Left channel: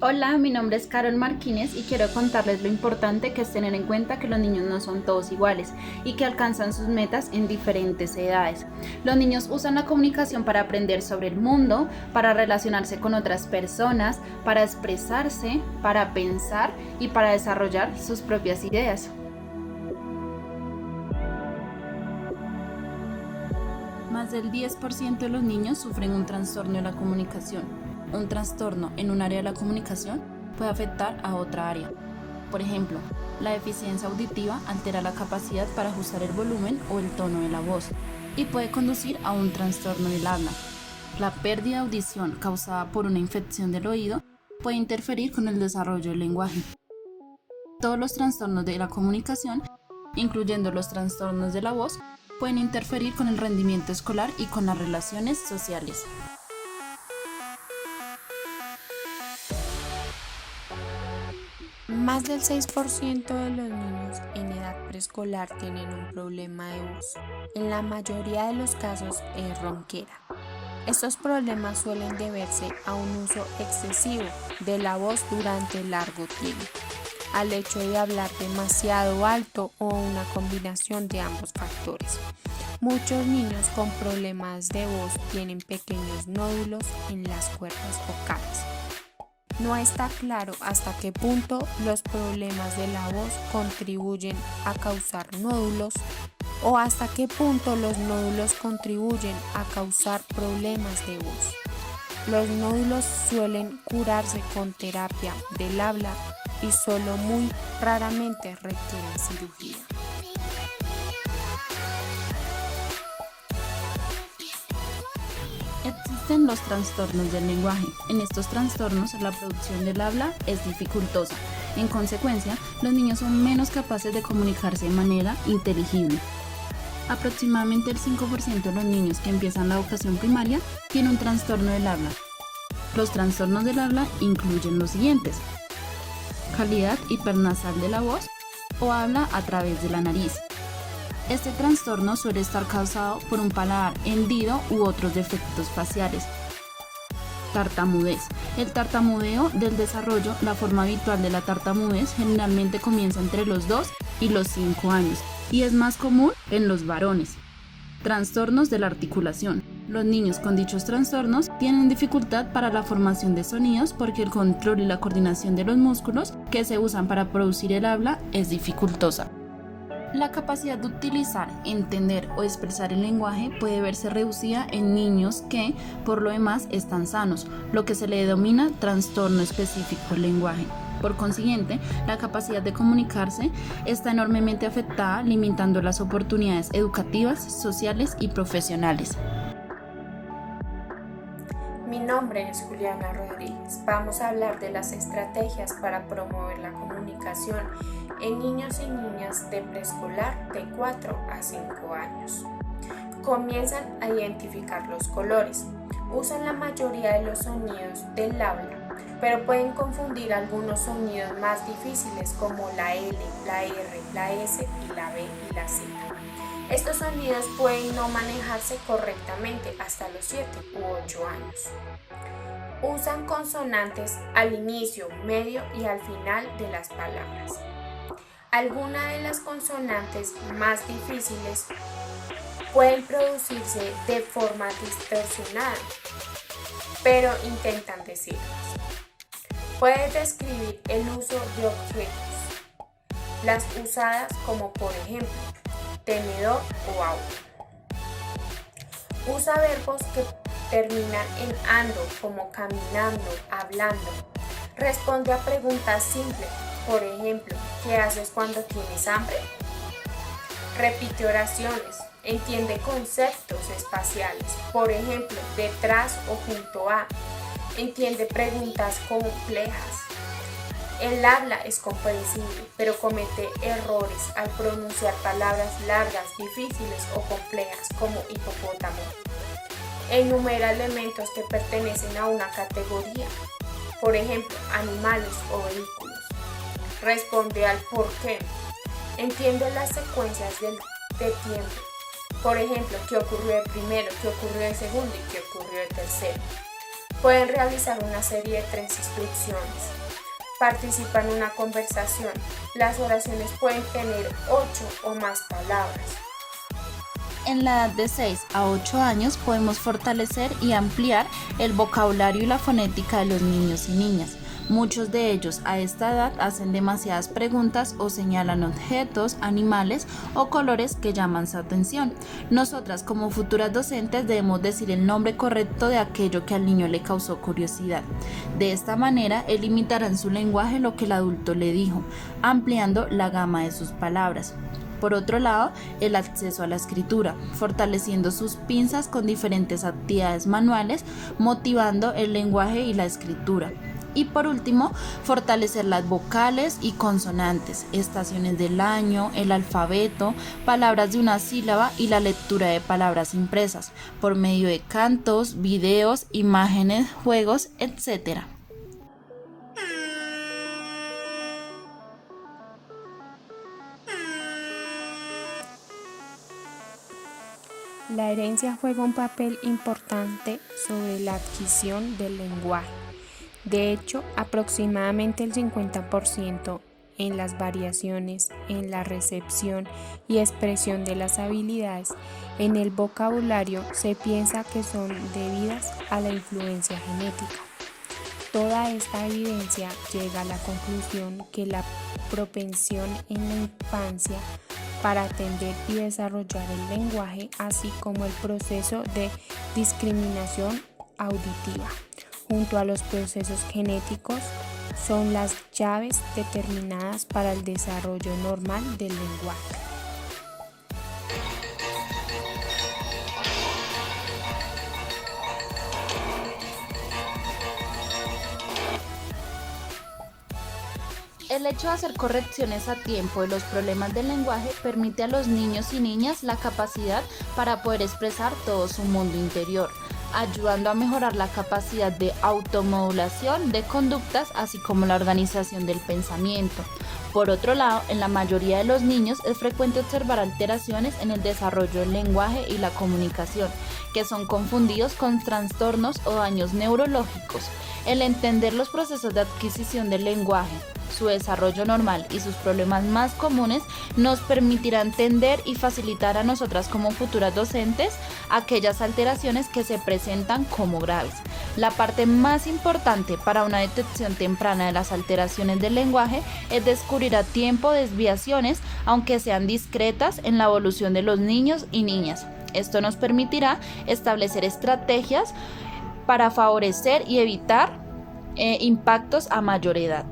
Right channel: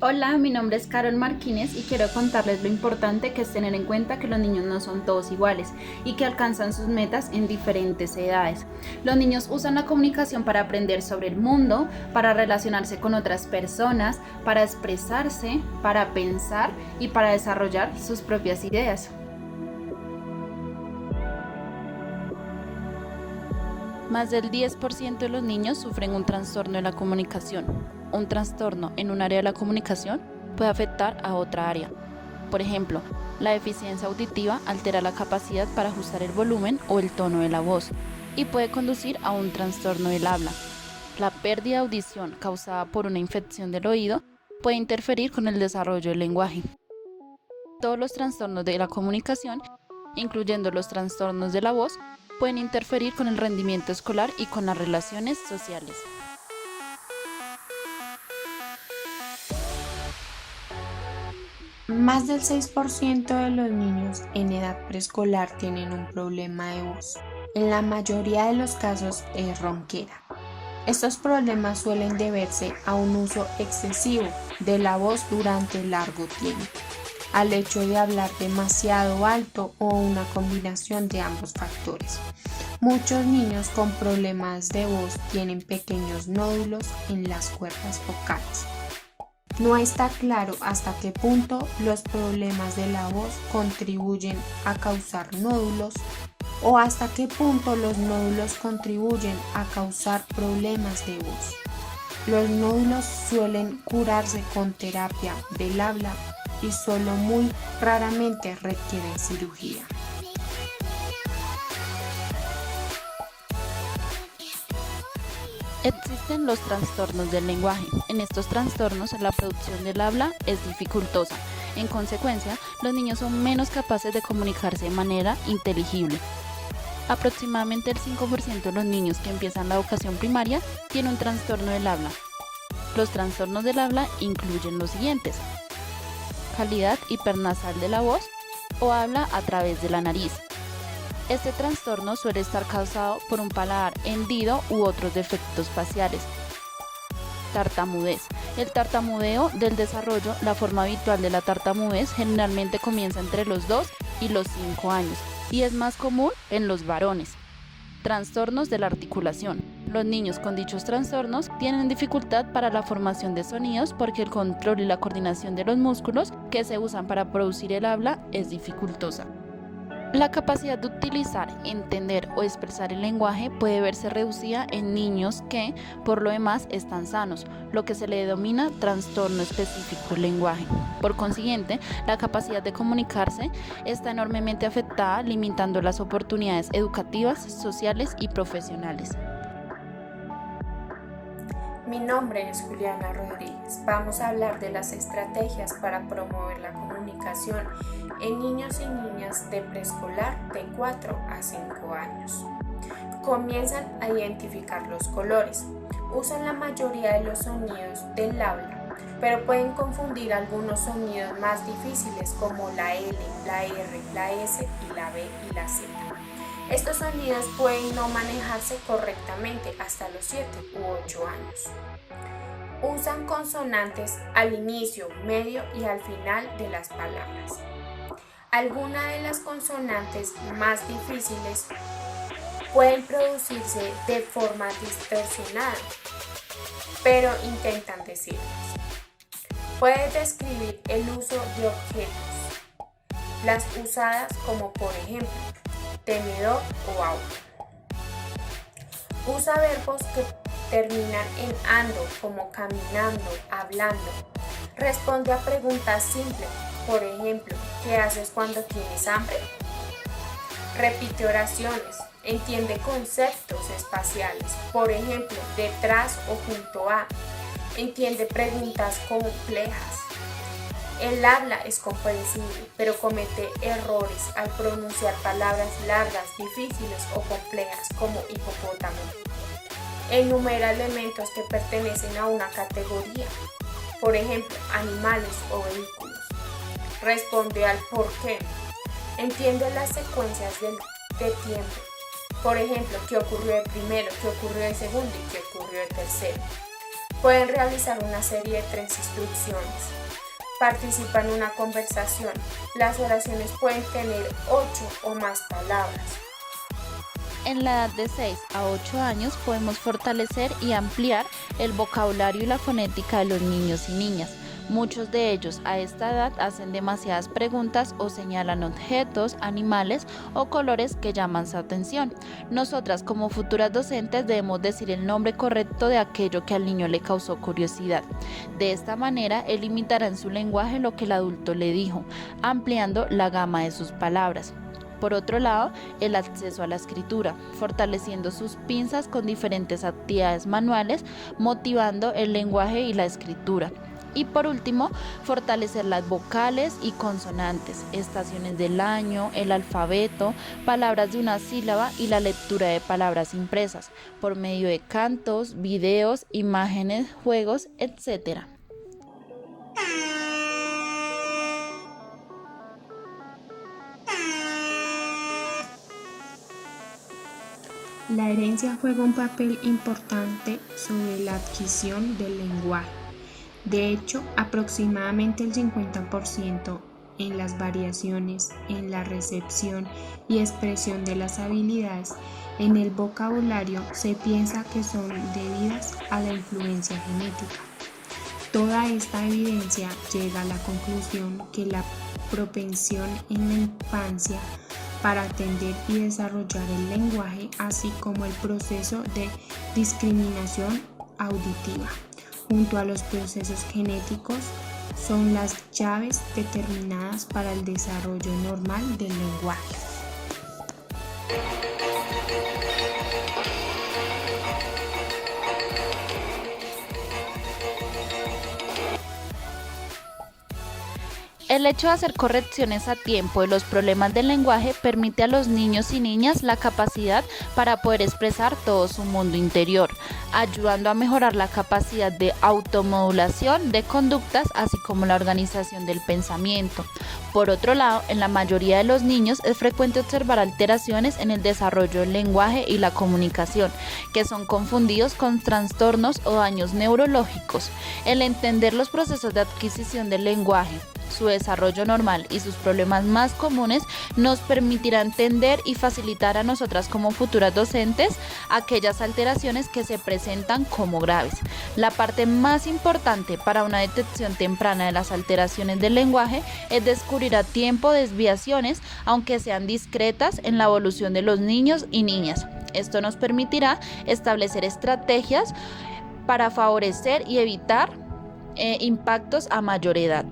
Hola, mi nombre es Carol Martínez y quiero contarles lo importante que es tener en cuenta que los niños no son todos iguales y que alcanzan sus metas en diferentes edades. Los niños usan la comunicación para aprender sobre el mundo, para relacionarse con otras personas, para expresarse, para pensar y para desarrollar sus propias ideas. Más del 10% de los niños sufren un trastorno de la comunicación. Un trastorno en un área de la comunicación puede afectar a otra área. Por ejemplo, la deficiencia auditiva altera la capacidad para ajustar el volumen o el tono de la voz y puede conducir a un trastorno del habla. La pérdida de audición causada por una infección del oído puede interferir con el desarrollo del lenguaje. Todos los trastornos de la comunicación, incluyendo los trastornos de la voz, pueden interferir con el rendimiento escolar y con las relaciones sociales. Más del 6% de los niños en edad preescolar tienen un problema de voz. En la mayoría de los casos es ronquera. Estos problemas suelen deberse a un uso excesivo de la voz durante largo tiempo, al hecho de hablar demasiado alto o una combinación de ambos factores. Muchos niños con problemas de voz tienen pequeños nódulos en las cuerdas vocales. No está claro hasta qué punto los problemas de la voz contribuyen a causar nódulos o hasta qué punto los nódulos contribuyen a causar problemas de voz. Los nódulos suelen curarse con terapia del habla y solo muy raramente requieren cirugía. Existen los trastornos del lenguaje. En estos trastornos la producción del habla es dificultosa. En consecuencia, los niños son menos capaces de comunicarse de manera inteligible. Aproximadamente el 5% de los niños que empiezan la educación primaria tiene un trastorno del habla. Los trastornos del habla incluyen los siguientes: calidad hipernasal de la voz o habla a través de la nariz. Este trastorno suele estar causado por un paladar hendido u otros defectos faciales. Tartamudez. El tartamudeo del desarrollo, la forma habitual de la tartamudez generalmente comienza entre los 2 y los 5 años y es más común en los varones. Trastornos de la articulación. Los niños con dichos trastornos tienen dificultad para la formación de sonidos porque el control y la coordinación de los músculos que se usan para producir el habla es dificultosa. La capacidad de utilizar, entender o expresar el lenguaje puede verse reducida en niños que, por lo demás, están sanos, lo que se le denomina trastorno específico del lenguaje. Por consiguiente, la capacidad de comunicarse está enormemente afectada, limitando las oportunidades educativas, sociales y profesionales. Mi nombre es Juliana Rodríguez. Vamos a hablar de las estrategias para promover la comunicación en niños y niñas de preescolar de 4 a 5 años. Comienzan a identificar los colores. Usan la mayoría de los sonidos del habla, pero pueden confundir algunos sonidos más difíciles como la L, la R, la S y la B y la Z. Estos sonidos pueden no manejarse correctamente hasta los 7 u 8 años. Usan consonantes al inicio, medio y al final de las palabras. Algunas de las consonantes más difíciles pueden producirse de forma distorsionada, pero intentan decirlas. Puede describir el uso de objetos, las usadas como por ejemplo tenedor o auto. Usa verbos que terminan en ando como caminando, hablando. Responde a preguntas simples, por ejemplo, ¿qué haces cuando tienes hambre? Repite oraciones, entiende conceptos espaciales, por ejemplo, detrás o junto a. Entiende preguntas complejas. El habla es comprensible, pero comete errores al pronunciar palabras largas, difíciles o complejas como hipopótamo. Enumera elementos que pertenecen a una categoría, por ejemplo, animales o vehículos. Responde al por qué. Entiende las secuencias de tiempo. Por ejemplo, qué ocurrió de primero, qué ocurrió de segundo y qué ocurrió de tercero. Pueden realizar una serie de 3 instrucciones. Participa en una conversación. Las oraciones pueden tener 8 o más palabras. En la edad de 6 a 8 años podemos fortalecer y ampliar el vocabulario y la fonética de los niños y niñas. Muchos de ellos a esta edad hacen demasiadas preguntas o señalan objetos, animales o colores que llaman su atención. Nosotras como futuras docentes debemos decir el nombre correcto de aquello que al niño le causó curiosidad. De esta manera él imitará en su lenguaje lo que el adulto le dijo, ampliando la gama de sus palabras. Por otro lado, el acceso a la escritura, fortaleciendo sus pinzas con diferentes actividades manuales, motivando el lenguaje y la escritura. Y por último, fortalecer las vocales y consonantes, estaciones del año, el alfabeto, palabras de una sílaba y la lectura de palabras impresas, por medio de cantos, videos, imágenes, juegos, etc. La herencia juega un papel importante sobre la adquisición del lenguaje. De hecho, aproximadamente el 50% en las variaciones en la recepción y expresión de las habilidades en el vocabulario se piensa que son debidas a la influencia genética. Toda esta evidencia llega a la conclusión que la propensión en la infancia para atender y desarrollar el lenguaje, así como el proceso de discriminación auditiva, junto a los procesos genéticos, son las llaves determinadas para el desarrollo normal del lenguaje. El hecho de hacer correcciones a tiempo de los problemas del lenguaje permite a los niños y niñas la capacidad para poder expresar todo su mundo interior, ayudando a mejorar la capacidad de automodulación de conductas, así como la organización del pensamiento. Por otro lado, en la mayoría de los niños es frecuente observar alteraciones en el desarrollo del lenguaje y la comunicación, que son confundidos con trastornos o daños neurológicos. El entender los procesos de adquisición del lenguaje, su desarrollo normal y sus problemas más comunes nos permitirá entender y facilitar a nosotras como futuras docentes aquellas alteraciones que se presentan como graves. La parte más importante para una detección temprana de las alteraciones del lenguaje es descubrir a tiempo desviaciones, aunque sean discretas, en la evolución de los niños y niñas. Esto nos permitirá establecer estrategias para favorecer y evitar impactos a mayor edad.